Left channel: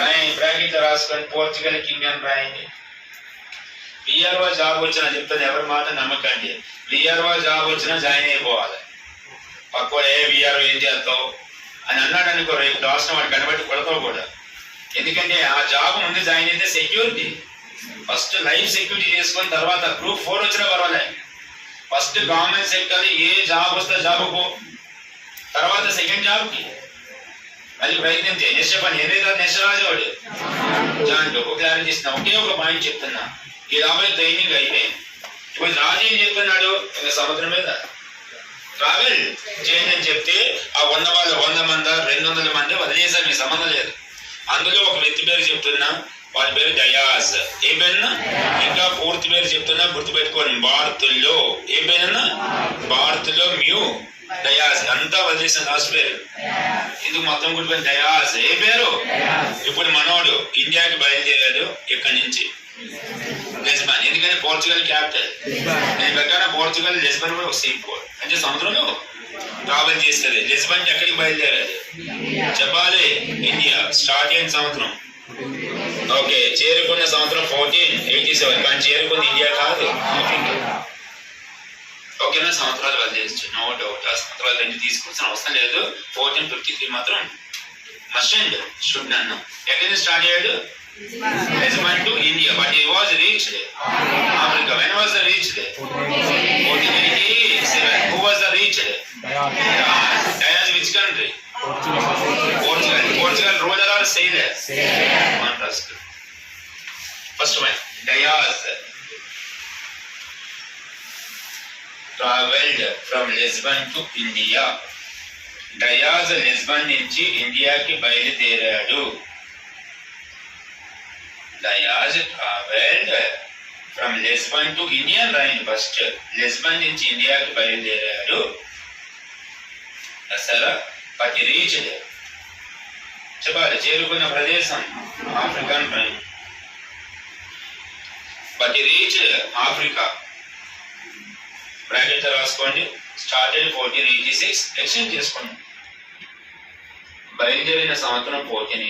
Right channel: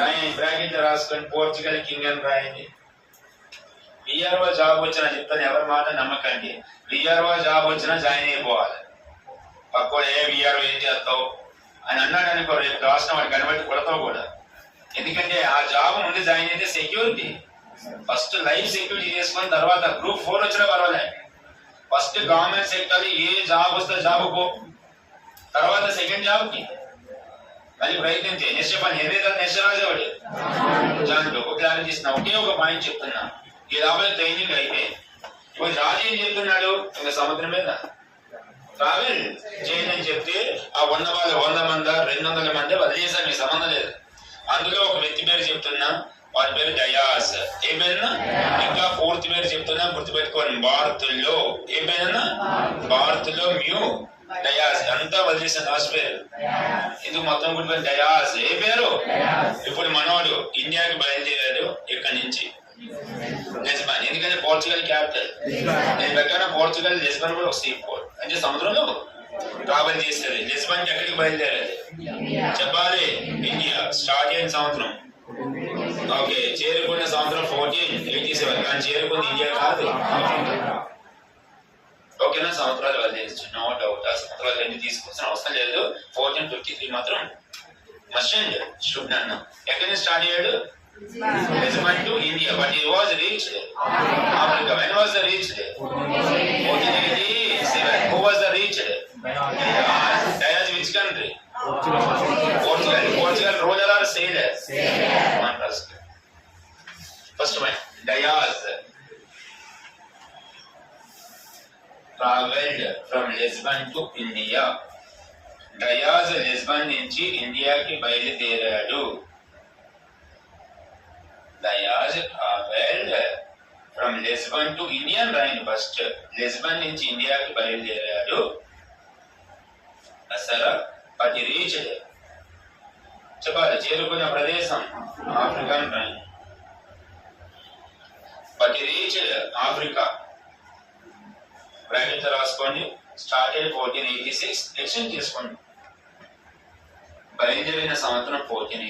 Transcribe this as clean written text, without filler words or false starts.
రాయండి, బ్రాకెట్ లో రాసుకొని పోర్చుగల్ కింగ్ అని రాయండి. విఆర్ఓ జాబ్ వచ్చినా చెప్తాను, ఎవరి మాట నమ్మకండి. విఆర్ఓ జాబ్ వచ్చినా జాయిన్ అయిపోవాలి. పక్కో ఏ విఆర్ఓ ఏం చేస్తావు అని అన్నాడు అనుకో, రేపు రాసిన వాడు కనబట్టి కొడతావు కూడా. ఎందుకంటే ఆ జాబ్ ముందు జాయిన్ అయితే సెక్యూరిటీ. ఫస్ట్ లైఫ్ సెక్యూరిటీ చేసుకుని తర్వాత గ్రూప్ 4 వచ్చినా పర్వాలేదు. ఫస్ట్ గవర్నమెంట్ సెక్టర్ ఏ జాబ్ వస్తే జాబ్ పో, తర్వాత సెకండ్ జాబ్ కి అది ప్రయత్నించే. నెక్స్ట్ చెప్పండి, ఏదైతే నెక్స్ట్ రాజావాడు దాంట్లో ఒక క్లారిటీ ఇస్తున్నా. ఒకే ఒక పాయింట్ చెప్తున్నా, ఈ 50 ట్రైనింగ్ అయిపోయింది. ఇప్పుడు రాజు ఏం చెప్తున్నాడు, సముద్రం మీద ట్రావెల్ చేయండి అని చెప్తే ఆ 100 వాళ్ళు 100 మంది 200 మంది వదిలేసారు, మీ సంబంధం లేదు. అందులో ఒక వ్యక్తి పేరు చెప్తున్నా, వాడి పేరు దయాస్. ఏ పేరున్నా? ఇంకా పూర్తి పేరు చెప్తున్నా, గుర్తుపెట్టుకోండి. భారత్లో ఏ పేరున్నా? భారత్లో మ్యూ దయాస్. అంతా వదిలేసిన లాస్ట్ పేరు ఇది మొత్తం గుర్తుపోయిన దయాస్. ఏ పేరు? ఇప్పుడు మనోడు ఇండియాకి బయలుదేరాడు ఇక్కడి నుంచి లిస్బన్. ఎందుకంటే పోర్చుగల్ క్యాపిటల్. నేను ప్రకారం పోర్చుగల్ లిస్బన్ కూడా ఒక సీ పోర్ట్, అంటే సముద్రంలో ట్రావెల్ చేస్తుంది. లిస్బన్ ఎక్కడికి బయలుదేరాడు చెప్పాలి? ఇండియా. స్టార్ట్ అయిన సంవత్సరం ఓకే, చేరుకున్న సంవత్సరం 1487, కానీ చేరుకున్న ఇండియా కాదు, ఓకేనా? సంవత్సరాలు వదిలేచ్చు, నో డౌట్. ఆ సంవత్సరాలు 2 తీసుకోవాల్సిన అవసరం లేదు. 1453 మాత్రం మస్ట్ అండ్ షుడ్ నన్ను. ఎక్కడి నుంచి స్టార్ట్ అయ్యాడు? Lisbon to India, but he was reached Africa. When was the reached? 1487. Who was the reached? Dayas. Which country? Portugal. Portugal ruler or sailor? One first. First one, Dayas traveled from Lisbon to India. Dayas Lisbon నుంచి ఇండియాకి బయలుదేరాడు. Dayas traveled from Lisbon to India. రాయండి first. Lisbon నుంచి ఇండియాకి బయలుదేరాడు. సరే, but he reached చెప్పాలి, చేరుకున్న ప్రదేశం ఆఫ్రికన్ రాయండి. But he reached Africa. Bracket రాసుకోండి. స్టార్టెడ్ 1486. ఎక్స్టెండ్ చేసుకోండి. బయలుదేరిన సంవత్సరం 1486.